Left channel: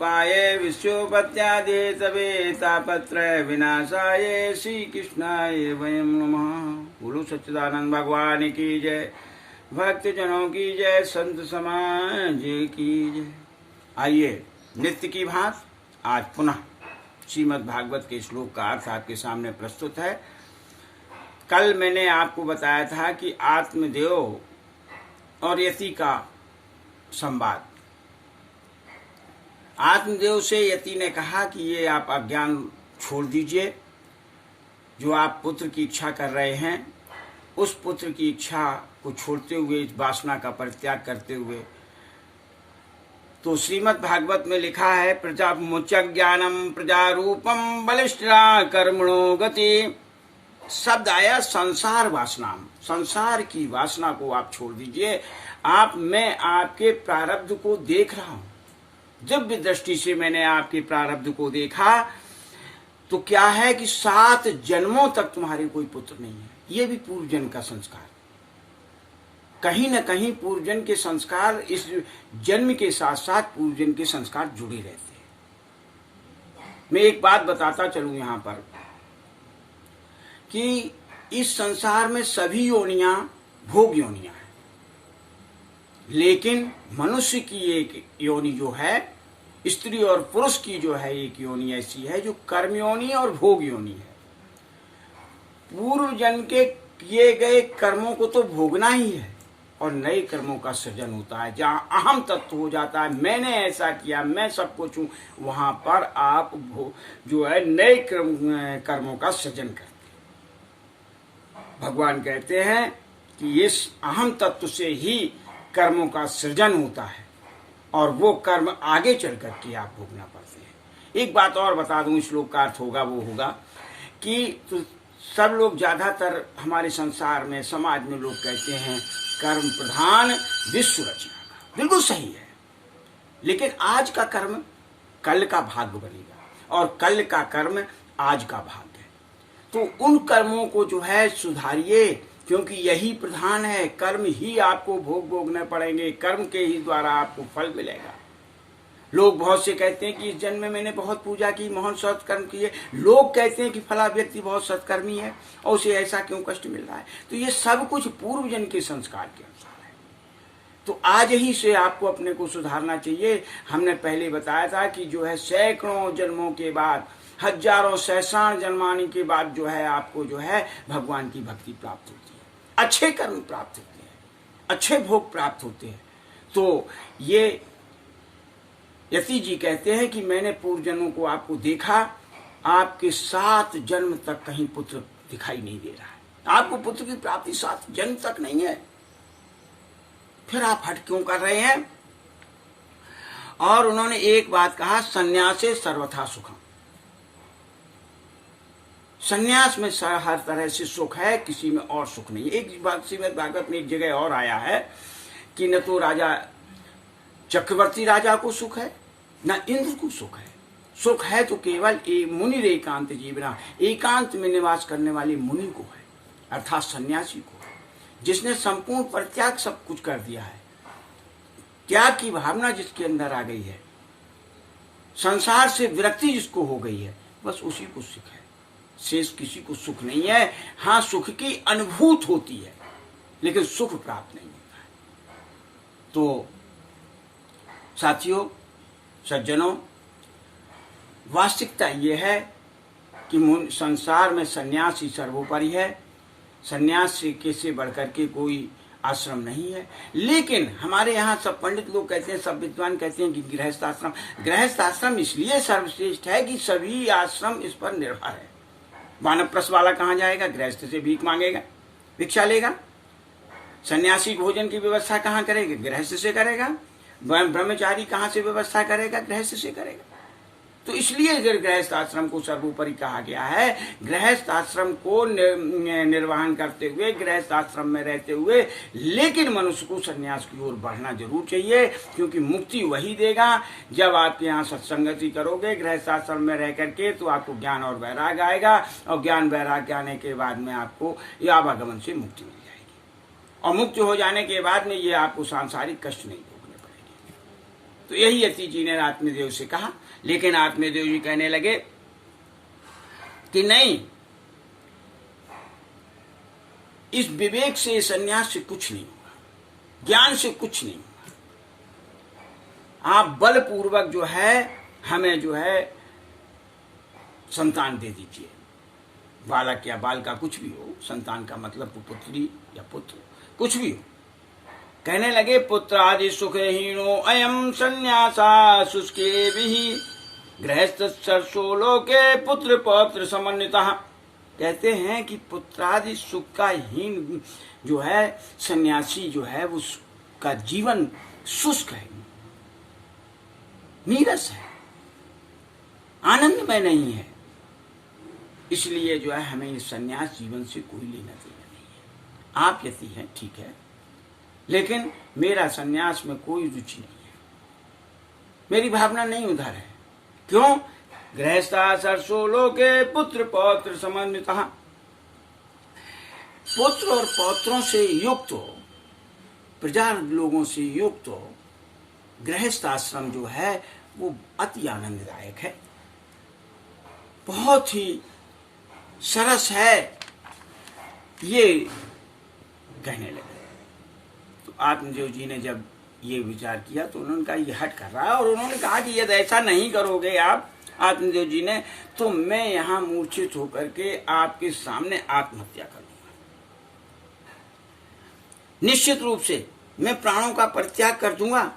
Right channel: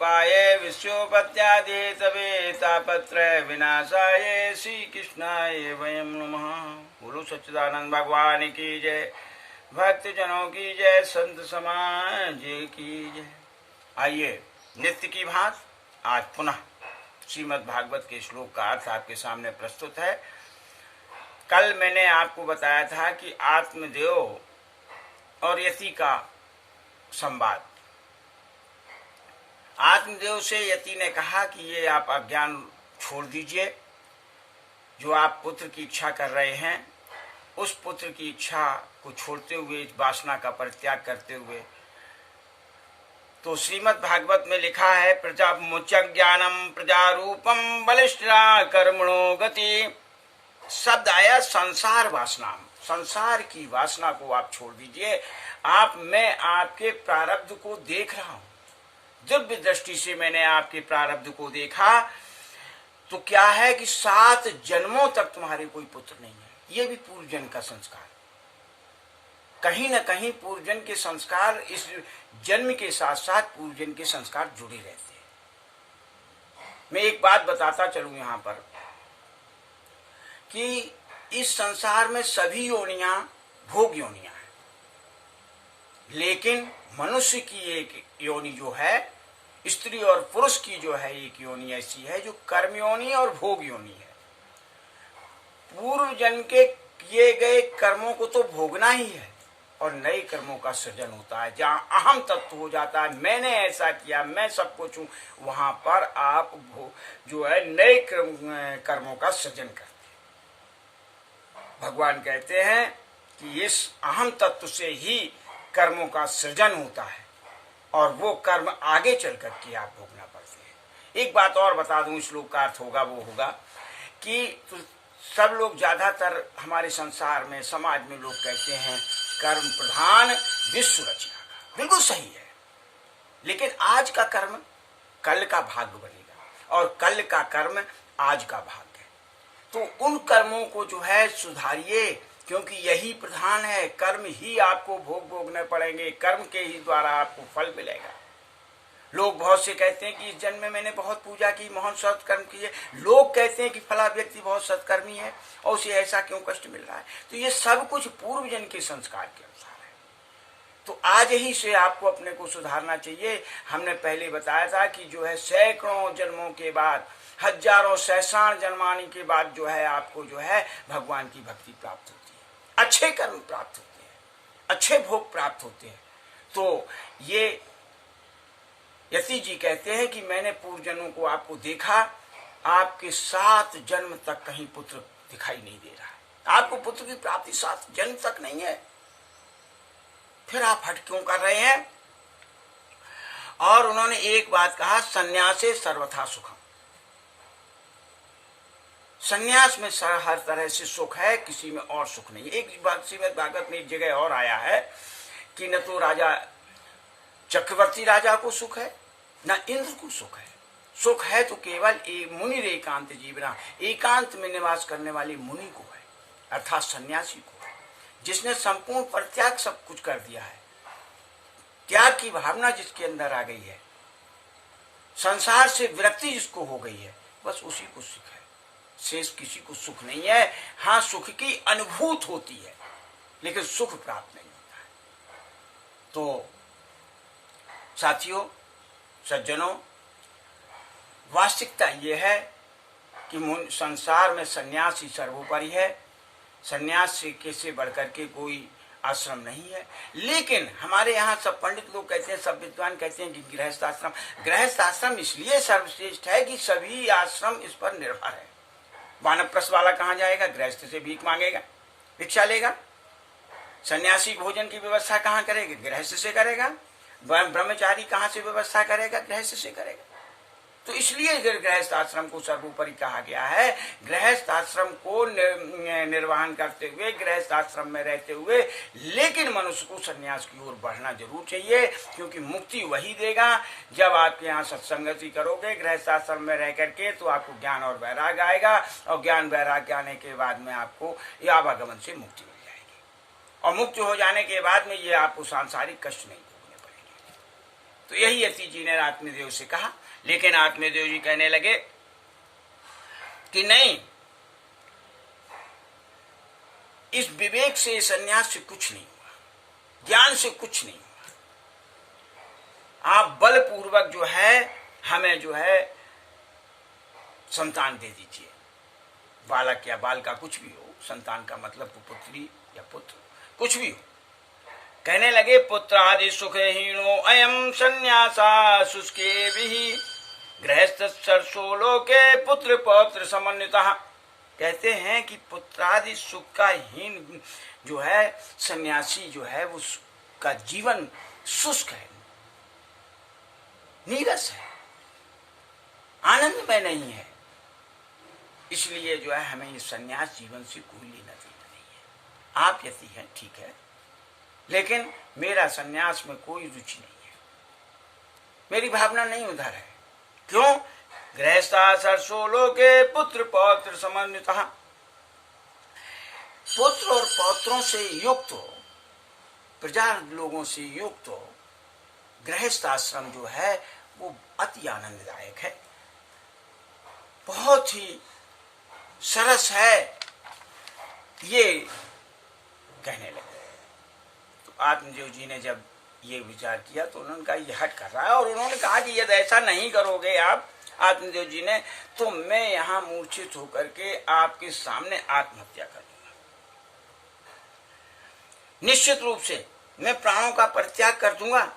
पाये विश्वोपत्यादि तवे तापत्रय विनाशाय श्री कृष्णाय वयम नमः। बोलो सच्चिदानंद भगवान की जय, भक्त जनों की जय, संत समाज की जय। आइए नित्य की भांति आज पुनः श्रीमद् भागवत के श्लोक का अर्थ आपके सामने प्रस्तुत है। कल मैंने आपको बताया था कि आत्मदेव और यति का संवाद। आत्मदेव से यति ने कहा कि ये आप अज्ञान छोड़ दीजिए, जो आप पुत्र की इच्छा कर रहे हैं उस पुत्र की इच्छा को छोड़ते हुए, इस वासना का परित्याग करते हुए। तो श्रीमद् भागवत में लिखा है, प्रजा मुच ज्ञानम प्रजा रूपम बलिष्ठा कर्मणो गति। शब्द आया संसार वासना, संसार की वासना को आप छोड़ दीजिए। मैं आपके प्रारब्ध को देख रहा हूं, दिव्य दृष्टि से मैंने आपके प्रारब्ध को देखा। तो क्या है कि 7 जन्मों तक तुम्हारे कोई पुत्र नहीं है। ये भी पूर्व जन्म का संस्कार, कहीं न कहीं पूर्व जन्म के संस्कार इस जन्म के साथ साथ पूर्व जन्म के संस्कार जुड़े रहते हैं। मैं एक बात बताता चलूं यहां पर कि इस संसार में सभी योनियां भोग योनियां हैं, लेकिन मनुष्य की एक योनि जो है, स्त्री और पुरुष की जो है एक योनि ऐसी है जो कर्म योनि और भोग योनि है। पूर्व जन्म के किए गए कर्मों को तो भोगना ही है और नए कर्मों का सृजन होता है। जहां अहम तत्व हो जाता है, मैंने ऐसा किया, मैं सब कुछ हूं, वहां पर आप जो है नए कर्मों का सृजन करते हैं। भगवान कहते हैं कि इस अहम तत्व से ही कर्मों का सृजन होता है और वो कर्म आगे चल करके आप भोगना पड़ते हैं। एक बात और बता दूं, श्लोक का अर्थ होगा वो होगा कि तो सब लोग ज्यादातर हमारे संसार में, समाज में लोग कहते हैं कर्म प्रधान विश्व रचना का। बिल्कुल सही है, लेकिन आज का कर्म कल का भाग्य बनेगा और कल का कर्म आज का भाग्य है। तो उन कर्मों को जो है सुधारिए, क्योंकि यही प्रधान है। कर्म ही आपको भोगने पड़ेंगे, कर्म के ही द्वारा आपको फल मिलेगा। लोग बहुत से कहते हैं कि इस जन्म में मैंने बहुत पूजा की, बहुत सत्कर्म किए। लोग कहते हैं कि फला व्यक्ति बहुत सत्कर्मी है और उसे ऐसा क्यों कष्ट मिल रहा है। तो ये सब कुछ पूर्व जन्म के संस्कार के अनुसार है। तो आज ही से आपको अपने को सुधारना चाहिए। हमने पहले बताया था कि जो है सैकड़ों जन्मों के बाद, हजारों सहस्रार जन्माने के बाद जो है आपको जो है भगवान की भक्ति प्राप्त होती है, अच्छे कर्म प्राप्त होते हैं, अच्छे भोग प्राप्त होते हैं। तो ये यति जी कहते हैं कि मैंने पूर्व जन्मों को आपको देखा, आपके 7 जन्म तक कहीं पुत्र दिखाई नहीं दे रहा है। आपको पुत्र की प्राप्ति 7 जन्म तक नहीं है, फिर आप हट क्यों कर रहे हैं। और उन्होंने एक बात कहा, संन्यासे सर्वथा सुखम। संन्यास में हर तरह से सुख है, किसी में और सुख नहीं। एक बात श्रीमद् भागवत में एक जगह और आया है कि न तो राजा चक्रवर्ती राजा को सुख है, न इंद्र को सुख है। सुख है तो केवल मुनि एकांत जीवना, एकांत में निवास करने वाले मुनि को है, अर्थात सन्यासी को है, जिसने संपूर्ण परित्याग सब कुछ कर दिया है। त्याग की भावना जिसके अंदर आ गई है, संसार से विरक्ति जिसको हो गई है, बस उसी को सुख है। शेष किसी को सुख नहीं है। हाँ, सुख की अनुभूति होती है, लेकिन सुख प्राप्त नहीं होता है। तो साथियों, सज्जनों, वास्तविकता यह है कि संसार में सन्यास ही सर्वोपरि है। सन्यास से बढ़कर के कोई आश्रम नहीं है। लेकिन हमारे यहाँ सब पंडित लोग कहते हैं, सब विद्वान कहते हैं कि गृहस्थ आश्रम इसलिए सर्वश्रेष्ठ है कि सभी आश्रम इस पर निर्भर है। वानप्रस्थ वाला कहाँ जाएगा? गृहस्थ से भीख मांगेगा, भिक्षा लेगा। सन्यासी भोजन की व्यवस्था कहाँ करेगा? गृहस्थ से करेगा। ब्रह्मचारी कहाँ से व्यवस्था करेगा? गृहस्थ से करेगा। तो इसलिए गृहस्थ आश्रम को सर्वोपरि कहा गया है। गृहस्थ आश्रम को निर्वहन करते हुए, गृहस्थ आश्रम में रहते हुए, लेकिन मनुष्य को संन्यास की ओर बढ़ना जरूर चाहिए, क्योंकि मुक्ति वही देगा जब आपके यहाँ सत्संगति करोगे गृहस्थ आश्रम में रह करके, तो आपको ज्ञान और वैराग्य आएगा और ज्ञान वैराग्य आने के बाद में आपको आवागमन से मुक्ति मिल जाएगी और मुक्त हो जाने के बाद में ये आपको सांसारिक कष्ट नहीं भोगने पड़ेंगे। तो यही यति जी ने आत्मदेव से कहा। लेकिन आत्मदेव जी कहने लगे कि नहीं, इस विवेक से, संन्यास से कुछ नहीं हुआ, ज्ञान से कुछ नहीं हुआ। आप बलपूर्वक जो है हमें जो है संतान दे दीजिए, बालक या बालिका कुछ भी हो, संतान का मतलब तो पुत्री या पुत्र कुछ भी हो। कहने लगे पुत्र आदि सुखहीनो अयम संन्यासा शुष्के भी गृहस्थ सरसो लोके पुत्र पौत्र समन्वितः। कहते हैं कि पुत्रादि सुख का हीन जो है सन्यासी जो है वो का जीवन शुष्क है, नीरस है, आनंदमय नहीं है। इसलिए जो है हमें इस सन्यास जीवन से कोई लेना देना नहीं है। आप यति हैं ठीक है, लेकिन मेरा सन्यास में कोई रुचि नहीं है, मेरी भावना नहीं उधर है। क्यों? गृहस्था सरसो लोके पुत्र पौत्र समन्वितः। पुत्र और पौत्रों से युक्त हो, प्रजा लोगों से युक्त हो, गृहस्थ आश्रम जो है वो अति आनंददायक है, बहुत ही सरस है, ये कहने लगे। तो आत्मदेव जी ने जब ये विचार किया तो उन्होंने कहा ये हट कर रहा है, और उन्होंने कहा कि यदि ऐसा नहीं करोगे आप आत्मदेव जी ने, तो मैं यहां मूर्छित होकर के आपके सामने आत्महत्या कर दूंगा। निश्चित रूप से मैं प्राणों का परित्याग कर दूंगा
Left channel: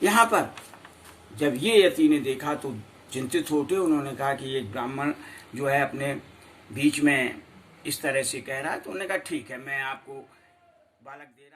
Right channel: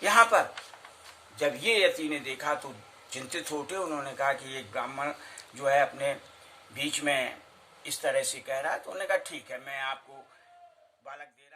यहां पर। जब ये यति ने देखा तो चिंतित होते उन्होंने कहा कि एक ब्राह्मण जो है अपने बीच में इस तरह से कह रहा है, तो उन्होंने कहा ठीक है, मैं आपको बालक दे